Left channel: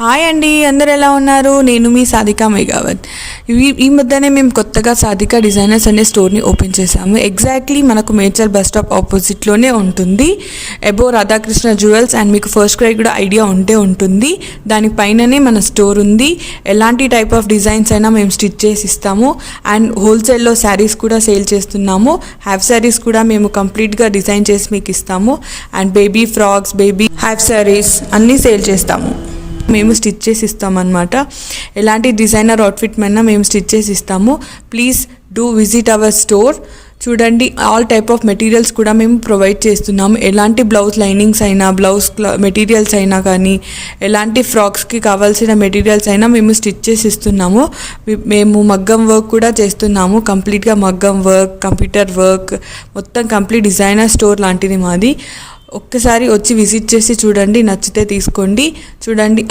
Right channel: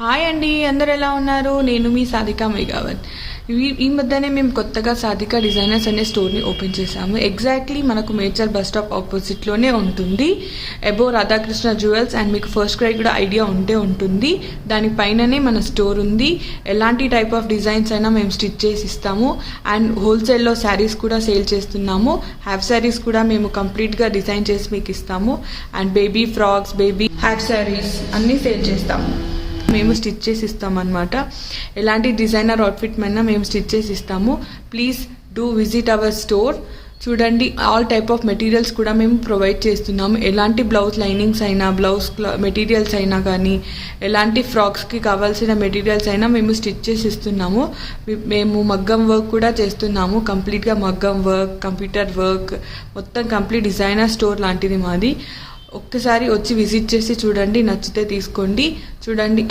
Hi అండి, అందరు ఎలా ఉన్నారు? నేను మీ సాధికా మేఘావత్. ఈ మధ్యనే మేము కొత్తగా సాధికా డిజైనర్స్ అనే స్టోర్ని ఓపెన్ చేశాము. ఎగ్జాక్ట్లీ మనకు మేడ్చల్ బస్ స్టాప్ ఆపోజిట్లోనే ఉంటుంది. అబో రాధాకృష్ణ జ్యువెల్స్ అండ్ మీకు ఫస్ట్ క్రై కూడా ఐడియా ఉంటుంది. దానిపైననే మన స్టోర్ ఉంది. ఎలాంటి టైప్ ఆఫ్ డిజైన్స్ అయినా మేము స్టిచ్ చేసి ఇస్తాము. అండ్ హోల్సేల్లో శారీస్ కూడా సేల్ చేస్తున్నాము. హాఫ్ శారీస్ కూడా మేము కంప్లీట్గా డిజైన్ చేసి మీకు ఇస్తాము. And baby frocks, baby half saris అన్నీ సేల్ చేస్తాము. మేము స్టిచ్ చేసి ఇస్తామన్నమాట. ఎలాంటి డిజైనర్ అవుట్ఫిట్ అయినా మేము స్టిచ్ చేసి ఇస్తాము. Please do visit our store. చూడండి, ఆల్ టైప్ ఆఫ్ మెటీరియల్స్ కూడా మేము ప్రొవైడ్ చేస్తున్నాము. ఎలాంటి బ్లౌజ్ లైనింగ్స్ అయినా, బ్లౌజ్ మెటీరియల్స్ అయినా కానీ, ఎలాంటి ఫ్రాక్స్కి కావాల్సిన మెటీరియల్స్ అయినా మేము స్టిచ్ చేసి ఇస్తున్నాము. మేము మగ్గం వర్క్ కూడా చేస్తున్నాము. కంప్లీట్గా మగ్గం వర్క్, కంప్యూటర్ వర్క్, మొత్తం కంప్లీట్ డిజైనర్ స్టోర్ లాంటిది మాది. ఒక్కసారి వచ్చి విజిట్ చేసి చూడండి, నచ్చితే తీసుకోండి. చూడండి,